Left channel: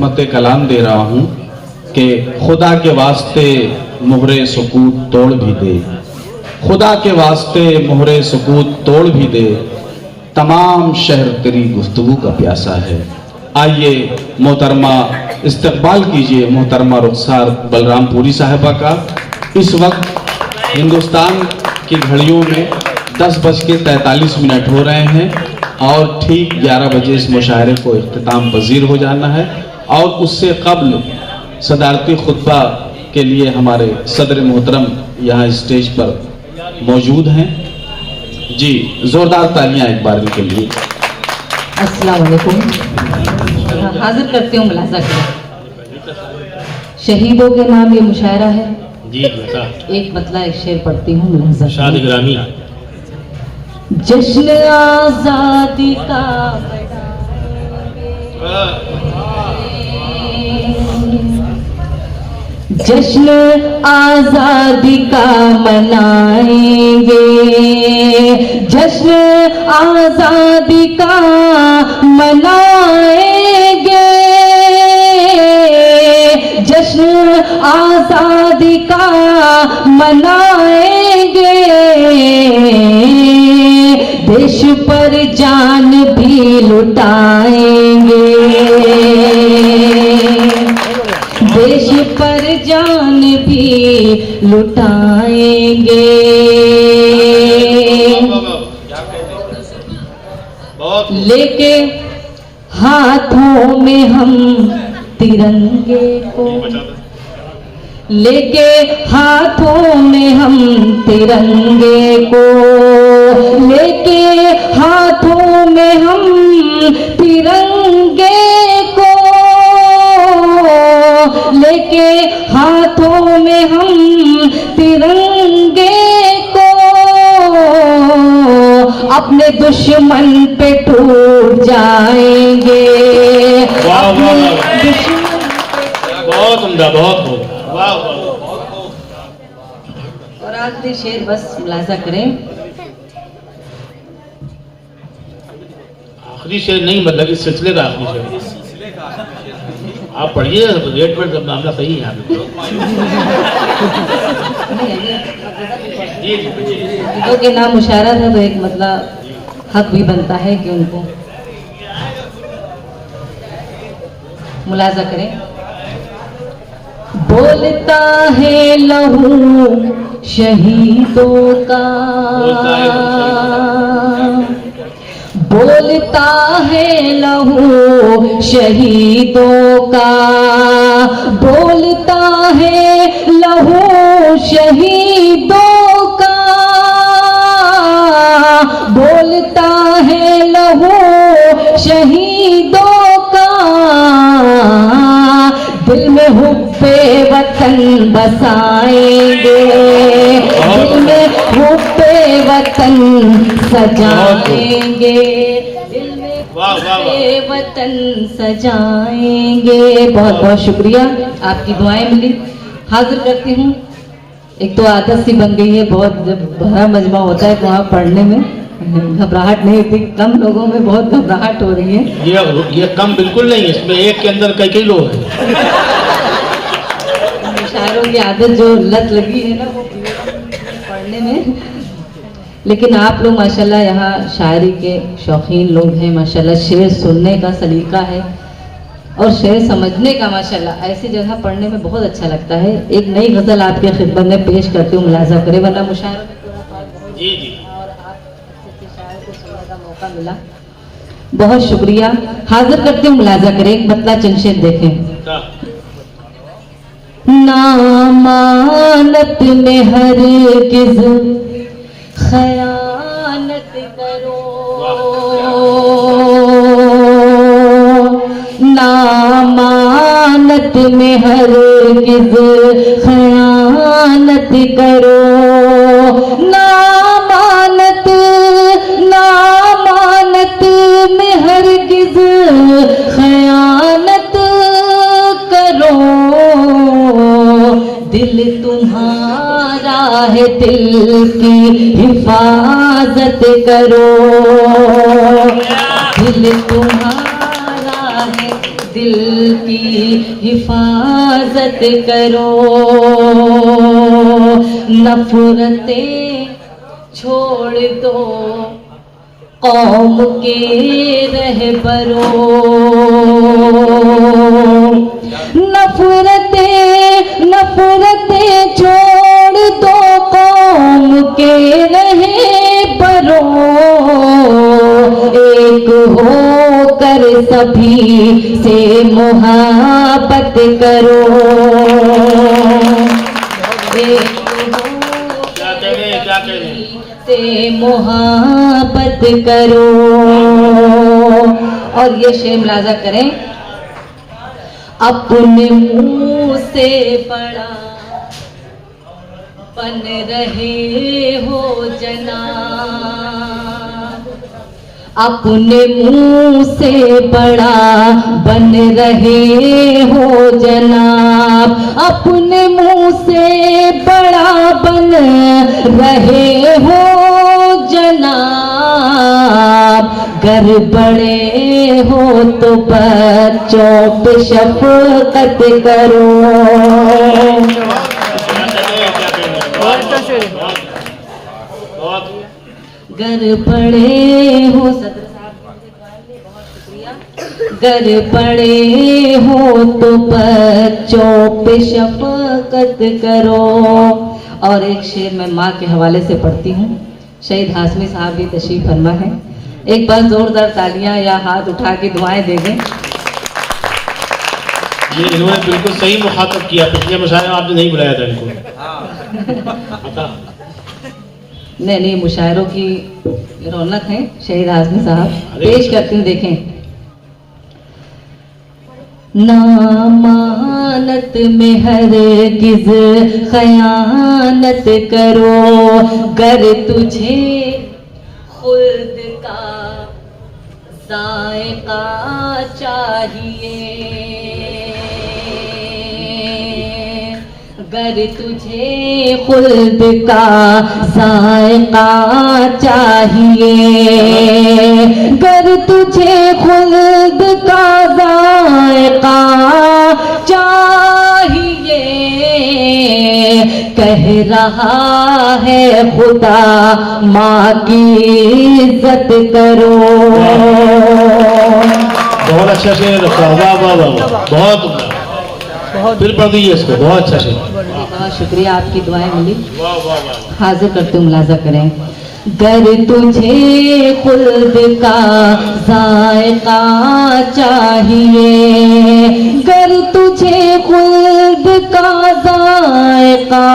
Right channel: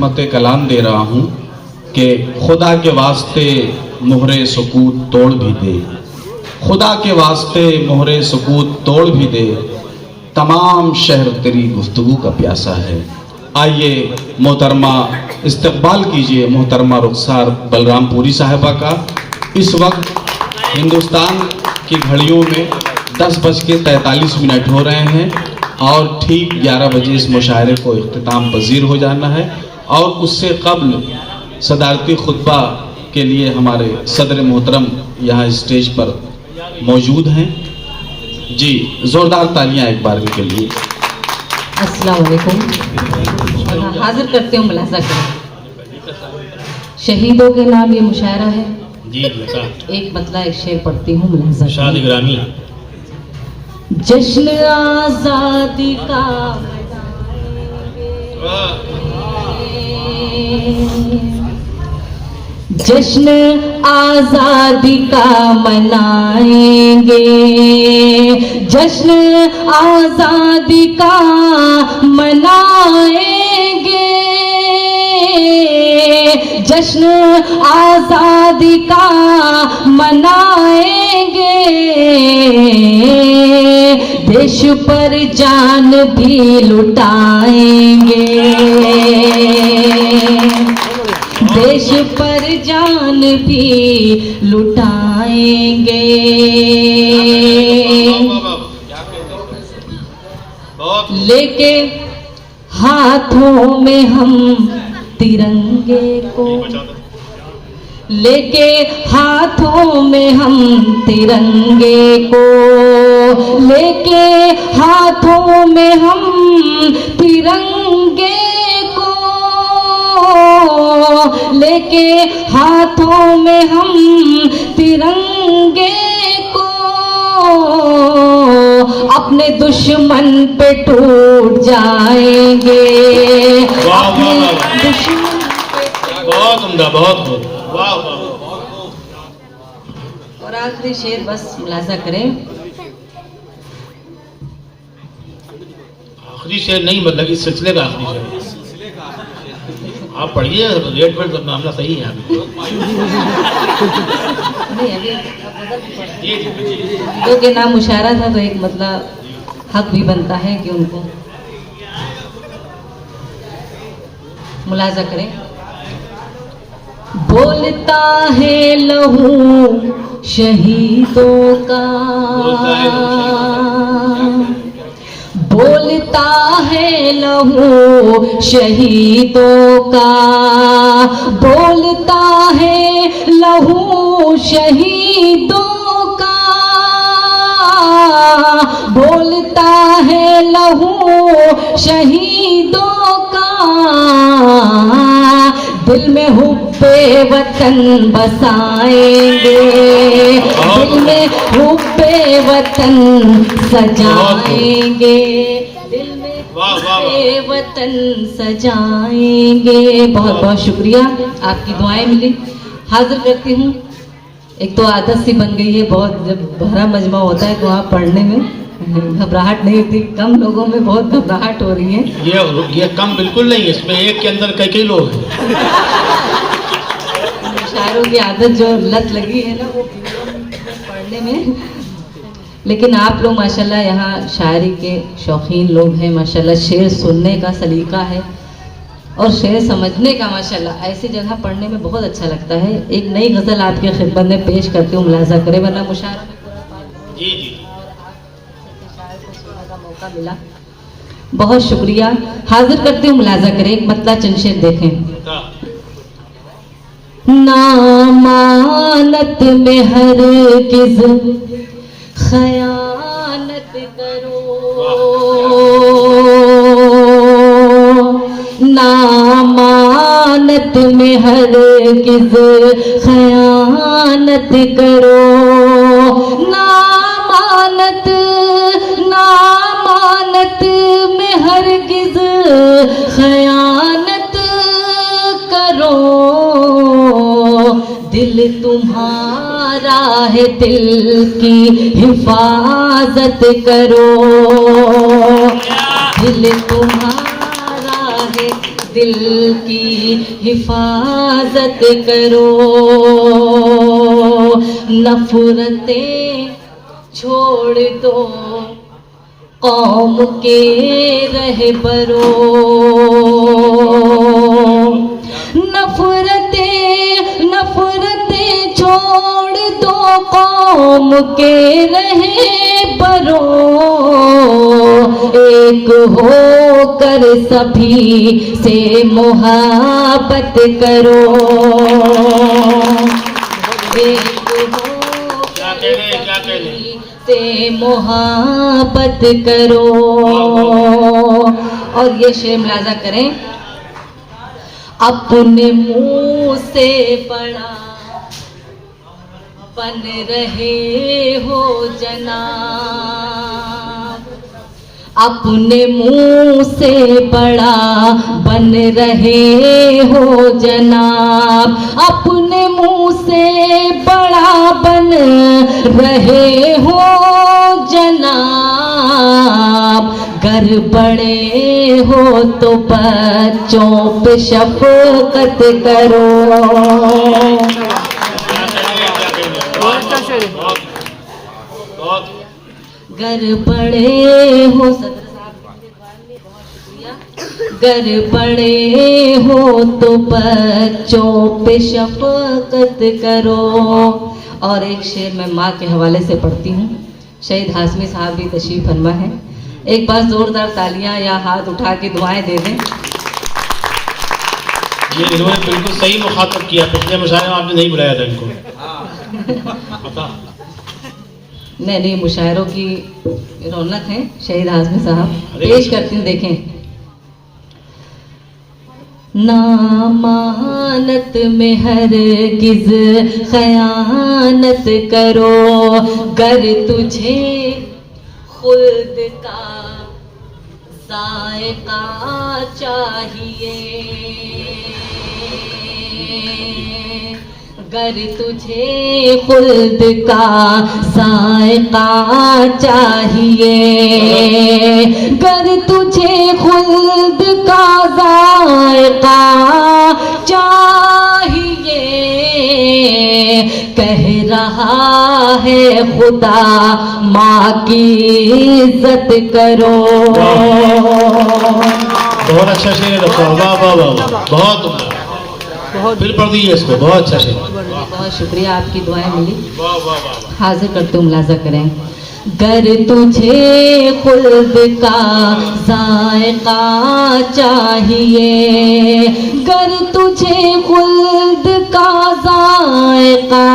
खिदमत कलाम दे रहा हूँ कि खुदा के वास्ते मोहरे सुकूत तोड़ भी दे, खुदा के वास्ते मोहरे सुकूत तोड़ भी दे, तमाम शहर तेरी गुफ्तगू का प्यासा है। आइए मोहतरमा इस्तकबाल कीजिए मोहतरमा रुखसार बलरामपुरी साहिबा का। इस वक्त हिंदुस्तान की घड़ियों में 10:43 हो रहे हैं और ठीक 11 बजे इस मुशायरे को इख्तिताम पजीर हो जाना है। और उससे कब्ल सदारती खुतबा के लिए हमारे सदर मोहतरम यहाँ स्टेज पर मौजूद हैं। जी, जोरदार तालियां एक बार के लिए। अस्सलाम वालेकुम। हाजिर करती हूँ मुलाजा को। शहीदों के नाम ये मुशायरा है जी। एक मतला एक शेर पढ़ती हूँ मुलाजा। शाद ग्रामी। जश्न आजादी का जश्न आजादी का मनाएंगे, जश्न आजादी का मनाएंगे, जश्न आजादी का मनाएंगे, देश पर जान भी लुटाएंगे, देश पर जान भी लुटाएंगे। लेके हाथों में हम तिरंगे को, लेके हाथों में हम तिरंगे को, लेके हाथों में हम तिरंगे को, लेके हाथों में हम तिरंगे को, अपने दुश्मन पे टूट जाएंगे। अपने दुश्मन बहुत उम्दा, बहुत वाह। और आखिरी शेर बस मुलाजा करें। आखिरी शेर नहीं, मतलब इस सिलसिले का आखिरी शेर आप पढ़िए। रेट पर जब मामला सही है शहीदों के नाम मुशायरा था तो एक मतलब हक भी बनता है कि उनको मुलाजा करें। बोलता है लहू शहीदों का, बोलता है लहू शहीदों का, बोलता है लहू शहीदों का, बोलता है लहू शहीदों का, दिल में हुब्बे वतन बसाएंगे, दिल में हुब्बे वतन सजाएंगे, दिल में हुब्बे वतन सजाएंगे। बहुत बहुत शुक्रिया, आपकी दुआएं मिली। हाजिर करती हूँ। एक तो आदत सी बन गई है, बहुत जब भरा मजमा होता है तो वहाँ पढ़ने में घबराहट नहीं होती। कम लोगों में बहुत घबराहट हो रही है। ये कम बिल्कुल नहीं, इसमें एक के अंदर कई लोग हैं। शायरों की आदत जो लत लगी है ना वो पढ़ने में। लेकिन आप लोग माशाल्लाह यहाँ शायरी के शौकीन लोग हैं माशाल्लाह। शेर सुनने का सलीका है और शेर समझने का माशाल्लाह। ऐसी जगह पढ़ने में बहुत अच्छा लगता है। एक नई गजल आपके खिदमत में पेश करती हूँ, मुलाजा करे, वरना मुशायरा में पूरा पाठ जी जी। और आज शायर को सुनने का मौका मिला, बहुत शुक्रिया। हाजिर करती हूँ, मुलाजा करें। एक मतला चंद शेर देखें। नामानत में हरगिज़ खयानत करो, नामानत में हरगिज़ खयानत करो, नामानत नामानत में हरगिज़ खयानत करो, दिल तुम्हारा है दिल की हिफाजत करो, दिल तुम्हारा है दिल की हिफाजत करो, नफरतें छोड़ दो कौम के रहबरों, नफरतें छोड़ दो कौम के रहबरों, एक होकर सभी से मोहब्बत करो, क्या कह रहे हैं, क्या कह रहे हैं? से मोहब्बत करो। और ये शेर मुलाजा करें, अपने मुंह से बड़ा बन रहे हो जनाब, अपने मुंह से बड़ा बन रहे हो जनाब, अपने मुंह से बड़ा बन रहे हो जनाब, गर बड़े हो तो बच्चों पे शफकत करो, गर बड़े हो, सदर साहब बहुत शुक्रिया, गर बड़े हो तो बच्चों पे शफकत करो। और एक शेर मैं माँ के हवाले से पढ़ती हूँ, शहीद हाशमी साहब भी तशरीफ फरमा है, एक बार जोरदार तालियां या हाथ उठा के दुआएं दे दें। ये इन्होंने बिल्कुल सही मुखातब किया, पिछले मुशायरे में आपने नहीं बुलाया था इनको। पता नहीं, मुशायरों की रौनक है। शहीद हाशमी साहब पेश करती हूँ, देखें। नामानत में हरगिज़ खयानत करो, गर तुझे खुद का जायका चाहिए, गर तुझे खुद का जायका चाहिए, गर तुझे खुद का जायका चाहिए, कह रहा है खुदा माँ की इज्जत करो। बहुत अच्छा शेर, वाह वाह वाह, बहुत फिर पढ़ दीजिए इसको, बहुत अच्छा शेर। बहुत शुक्रिया, आपकी दुआएं मिली। वाह वाह वाह। हाजिर करते हुए मुलाजा करें। गर तुझे खुद का जायका चाहिए, गर तुझे खुद का जायका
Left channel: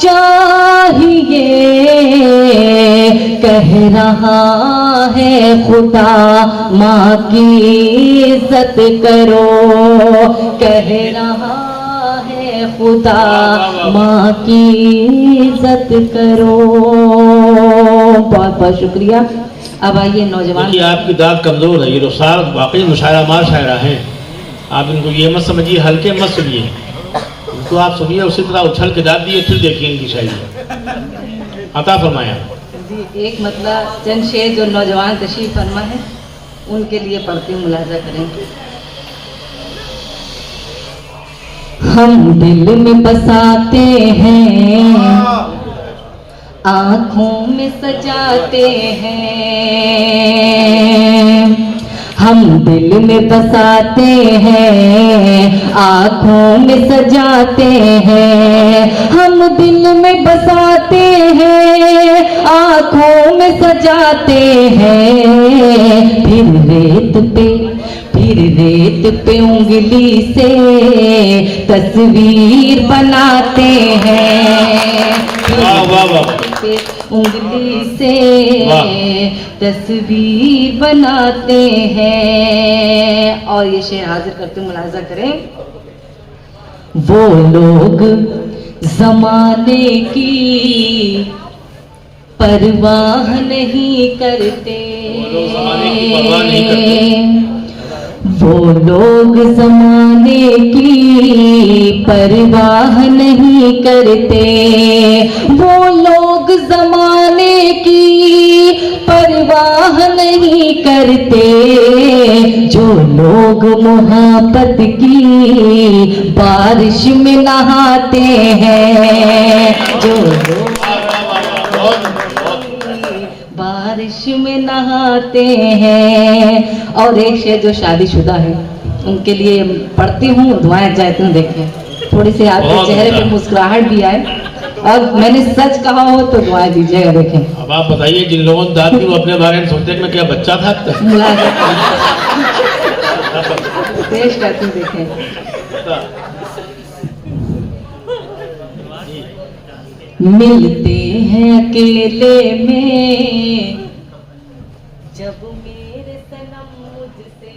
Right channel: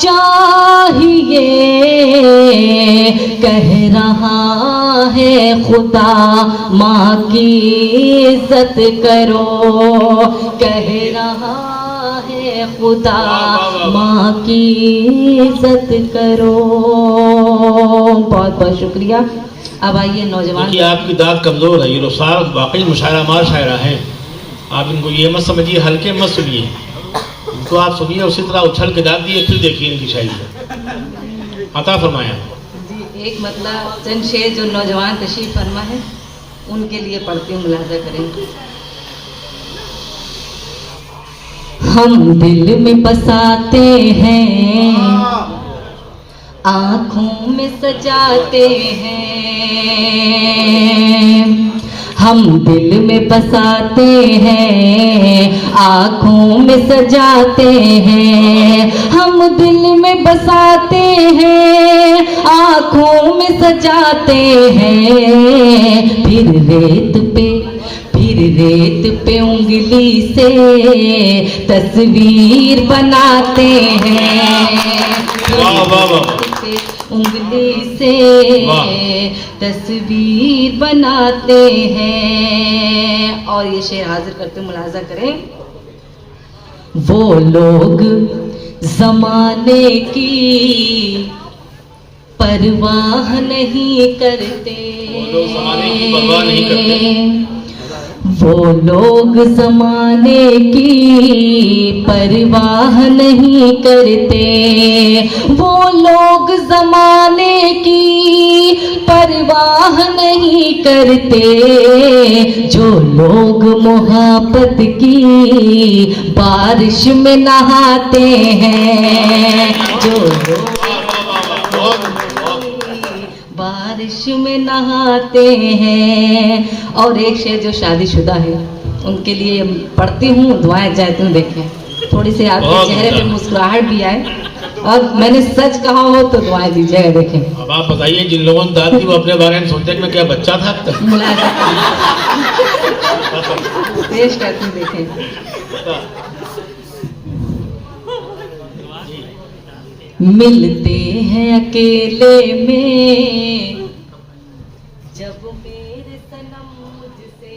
चाहिए, कह रहा है खुदा माँ की इज्जत करो, कह रहा है खुदा माँ की इज्जत करो। बहुत बहुत शुक्रिया। अब आइए नौजवान। देखिए आपकी दाद कमज़ोर है, ये रुसार वाकई मुशायरा मार शायरा हैं। आप इनको ये मत समझिए, हल्के मत सुनिए इनको, आप सुनिए उसी तरह उछल के दाद दिए, फिर देखिए इनकी शायरी अता फरमाया। जी, एक मतलब चंद शेर जो नौजवान तशरीफ फरमा है उनके लिए पढ़ती हूँ, मुलाजा करेंगे। हम दिल में बसाते हैं, आँखों में सजाते हैं, हम दिल में बसाते हैं, आँखों में सजाते हैं, हम दिल में बसाते हैं, आँखों में सजाते हैं, फिर रेत पे उंगली से तस्वीर बनाते हैं, वाह वाह वाह। उंगली से तस्वीर बनाते हैं। और ये शेर हाजिर करते मुलाजा करें। वो लोग जमाने की परवाह नहीं करते, वो लोग जमाने की परवाह नहीं करते, वो लोग जमाने की परवाह नहीं करते जो लोग मोहब्बत की बारिश में नहाते हैं, जो लोग बारिश में नहाते हैं। और एक शेर जो शादीशुदा है उनके लिए पढ़ती हूँ, दुआएं जाती हूँ। देखें थोड़ी सी आपके चेहरे पे मुस्कुराहट भी आए, और मैंने सच कहा हो तो दुआएं दीजिएगा। देखें अब आप बताइए, जिन लोगों ने दाद दी वो अपने बारे में सोचते हैं मैं क्या बच्चा था अब तक। पेश करती हूँ, देखें। मिलते हैं अकेले में जब मेरे सनम मुझसे,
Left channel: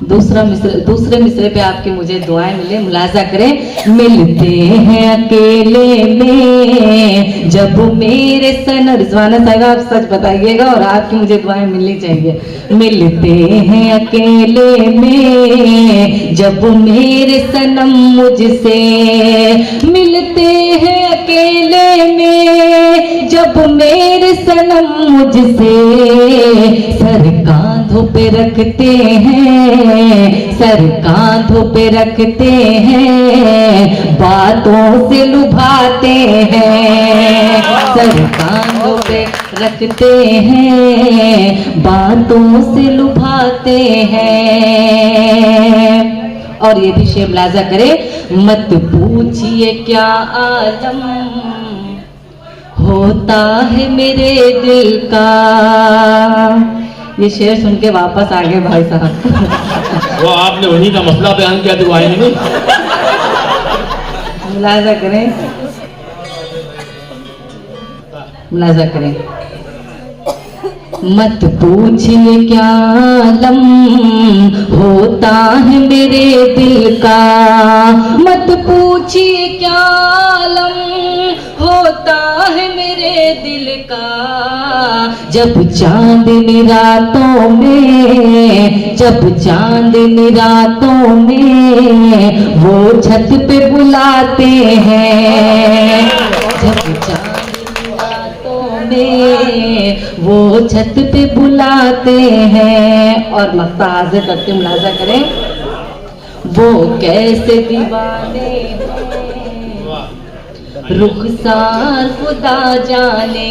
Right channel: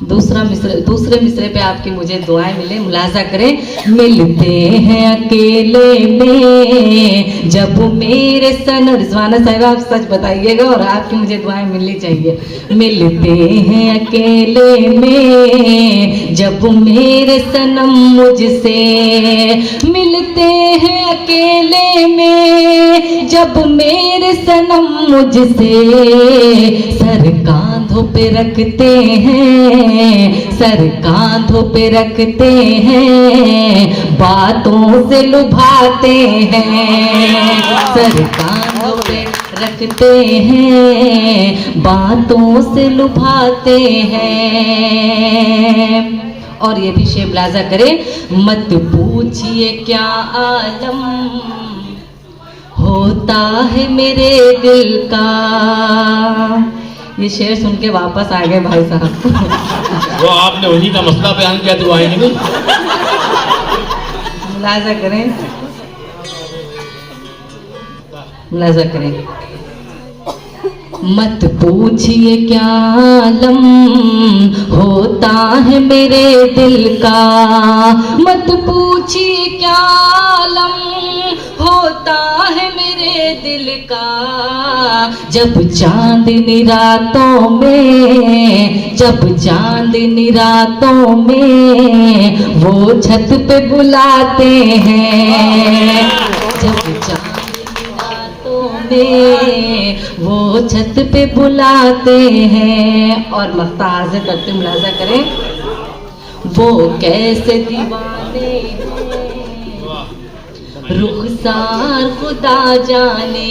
दूसरे मिसरे पे आपकी मुझे दुआएं मिले, मुलाजा करें। मिलते हैं अकेले में जब मेरे सनम, रिजवाना साहिबा आप सच बताइएगा और आपकी मुझे दुआएं मिलनी चाहिए। मिलते हैं अकेले में जब मेरे सनम मुझसे, मिलते हैं अकेले में जब मेरे सनम मुझसे, सर कांधों पे रखते हैं, सर कांधों पे रखते हैं, बातों से लुभाते हैं, सर कांधों पे रखते हैं, बातों से लुभाते हैं। और ये भी शेर मुलाजा करे। मत पूछिए क्या आलम होता है मेरे दिल का। ये शेर सुन के वापस आ गए भाई साहब। वो आपने उन्हीं का मसला बयान किया तो आएंगे नहीं। मुलाजा करें, मुलाजा करें। मत पूछिए क्या आलम होता है मेरे दिल का, मत पूछिए क्या आलम होता है मेरे दिल का। जब चांदनी रातों में, जब चांदनी रातों में वो छत पे बुलाते हैं, जब चांदनी रातों में वो छत पे बुलाते हैं। और मक्ता हाजिर करते मुलाजा करें। वो कैसे दीवाने रुखसार खुदा जाने,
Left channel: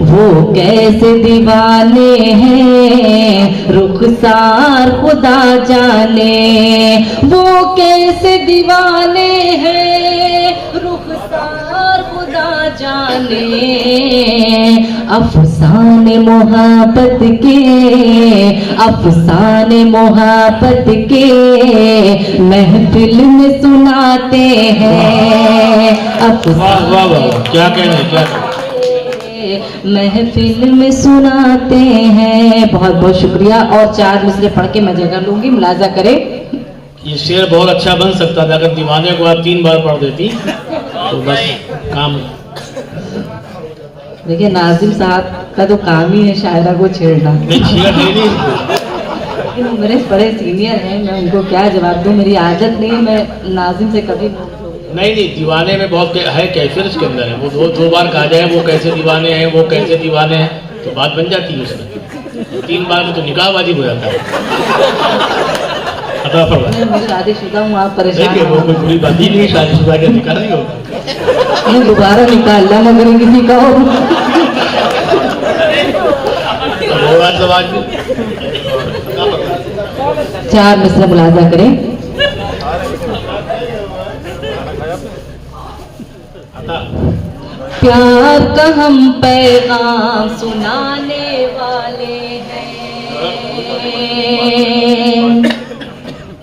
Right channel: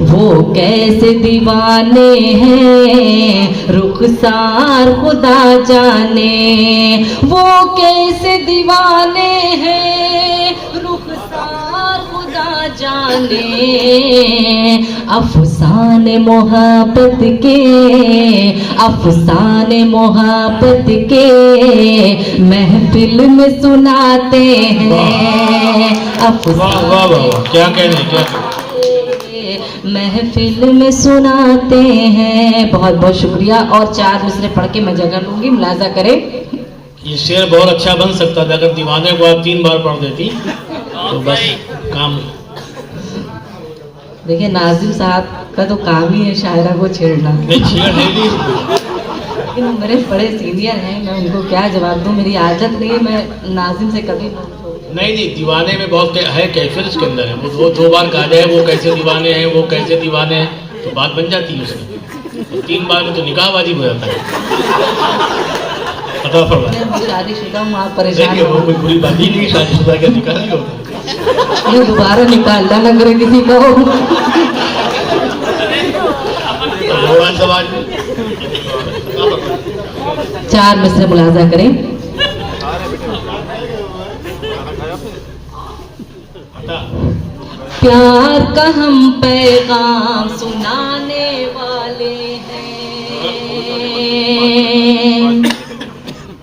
वो कैसे दीवाने हैं रुखसार खुदा जाने, वो कैसे दीवाने हैं रुखसार खुदा जाने। अफसाने मोहब्बत के, अफसाने मोहब्बत के महफिल में सुनाते हैं। वाह वाह वाह, क्या कहने, क्या महफिल में सुनाते हैं। बहुत बहुत शुक्रिया। और 4 मिसरे पढ़ के मैं जगह लूंगी, मुलाजा करें। ये शेर बहुत अच्छा बन सकता था अगर दीवाने को आप 3 बार पढ़ देती तो बस काम। देखिए नाजिम साहब का तो काम ही है शायरा को छेड़ना। नहीं छेड़ नहीं, लेकिन मेरे बड़े सीनियर हैं, मैं उनको क्या जवाब दूं। मेरी आदत नहीं है, मैं नाजिम से कभी नहीं दीवाने में बहुत है कैफियत इसके अंदर है। वो 2 बार कहा जाए वो कैसे दीवाने हैं, वो कैसे दीवाने हैं, तो बात बन जाती है उसमें। 3 बार में तो निकाह वाजिब हो जाता है। मैं शादीशुदा हूँ, आप परेशान वो कोई बुरी बात ही नहीं, शादीशुदा का निकाह नहीं होता। मैं दोबारा निकाह अल्लाह न करे किसी का हो। समाज में 4 मिसरे मुलाजा करें। प्यार का हम पैगाम सुनाने वाले हैं,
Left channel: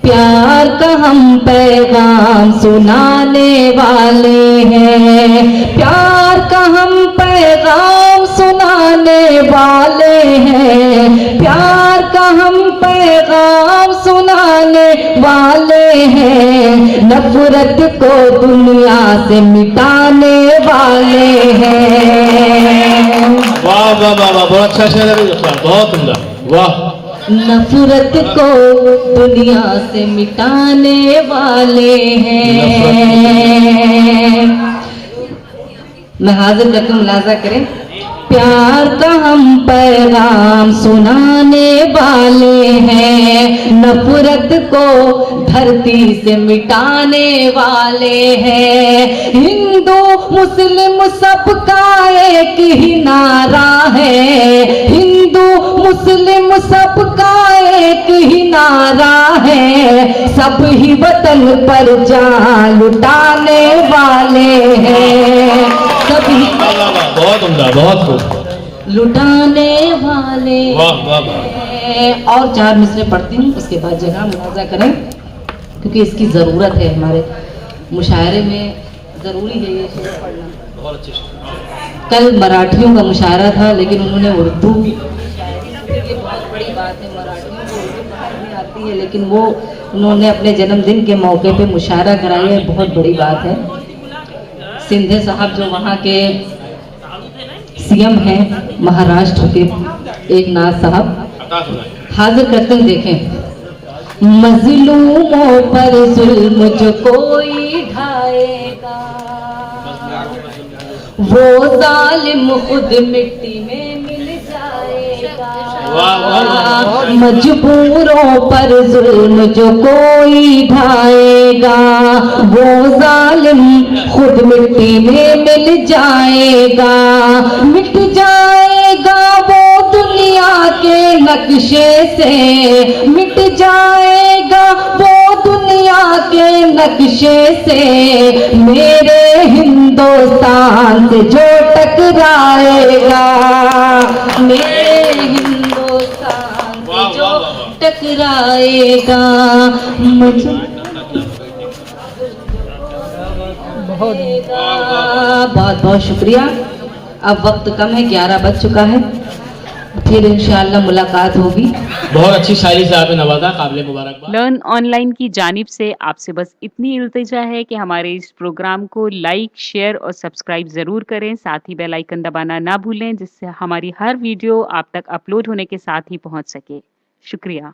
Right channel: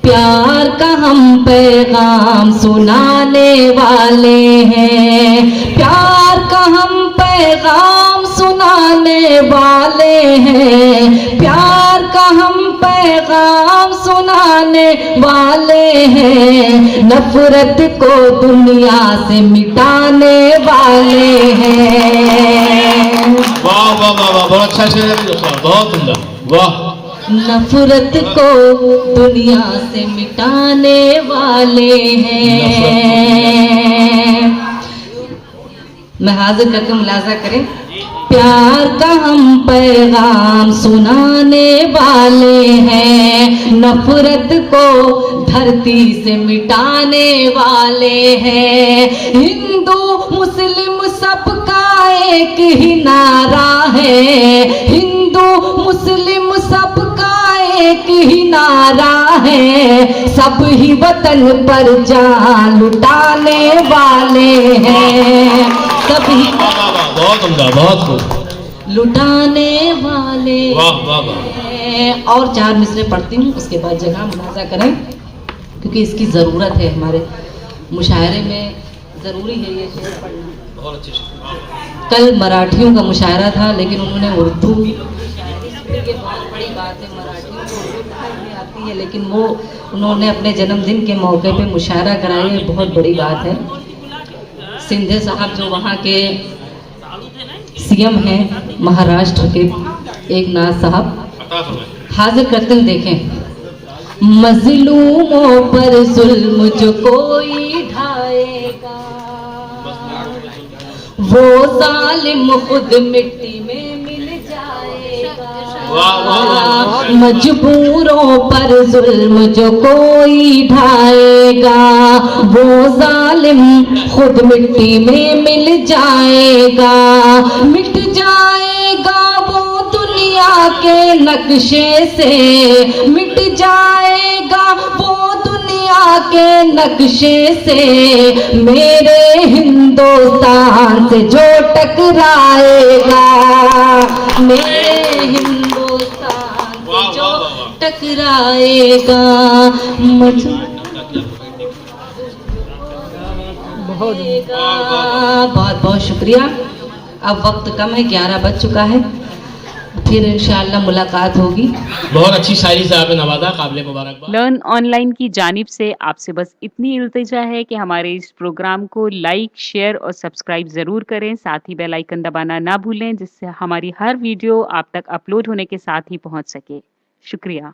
प्यार का हम पैगाम सुनाने वाले हैं, प्यार का हम पैगाम सुनाने वाले हैं, प्यार का हम पैगाम सुनाने वाले हैं, नफरत को दुनिया से मिटाने वाले हैं। वाह वाह वाह वाह, बहुत अच्छा शेर है, बहुत उम्दा, वाह। नफरत को दुनिया से मिटाने वाले हैं, मैं हाजिर करके मुलाजा करें। प्यार का हम पैगाम सुनाने वाले हैं, नफरत को धरती से मिटाने वाले हैं। हिंदू मुस्लिम सबका एक ही नारा है, हिंदू मुस्लिम सबका एक ही नारा है। सब ही वतन पर जान लुटाने वाले हैं, सब ही बहुत उम्दा, बहुत खूब, लुटाने वाले वाह वाह वाह। हैं। और 4 मिसरे पढ़ती हूँ, उसके बाद जगह मुलाजा करें, क्योंकि इसकी ज़रूरत है। हमारे मुशायरे में ज़रूरी है ये शेर पढ़ना। बहुत अच्छी शेर। कल मराठियों का मुशायरा था, लेकिन उन्होंने उर्दू, ये बहुत बड़ी बात है, मराठियों को उर्दू पढ़नी आती है, लेकिन वो उन्होंने अपने जन्मदिन के मौके पे मुशायरा कराया है, बहुत बड़ी बात है। सिंधे साहब जो वहाँ के सीएम हैं महाराष्ट्र के, एकनाथ साहब, हाजिर करते हैं। देखें, मजलूमों पर जुल्म जो कोई ढाएगा, वो जालिम खुद मिट्टी में मिल जाएगा। मजबूरों पर जुल्म जो कोई ढाएगा, वो जालिम खुद मिट्टी में मिल जाएगा। मिट जाएगा वो दुनिया के नक्शे से, मिट जाएगा वो दुनिया के नक्शे से। मेरे हिंदुस्तान से जो टकराएगा, मेरे हिंदुस्तान से जो टकराएगा। बहुत बहुत शुक्रिया। अब वक्त कम है, 11 बज चुका है, फिर इंशाअल्लाह मुलाकात होगी। बहुत अच्छी शायरी से आपने नवाजा, काबिल मुबारकबाद। लर्न ऑनलाइन की जानिब से आपसे बस इतनी इल्तिजा है कि हमारे इस प्रोग्राम को लाइक, शेयर और सब्सक्राइब ज़रूर करें। साथ ही बेल आइकन दबाना ना भूलें, जिससे हमारी हर वीडियो आप तक अपलोड होने के साथ ही पहुंच सके। शुक्रिया।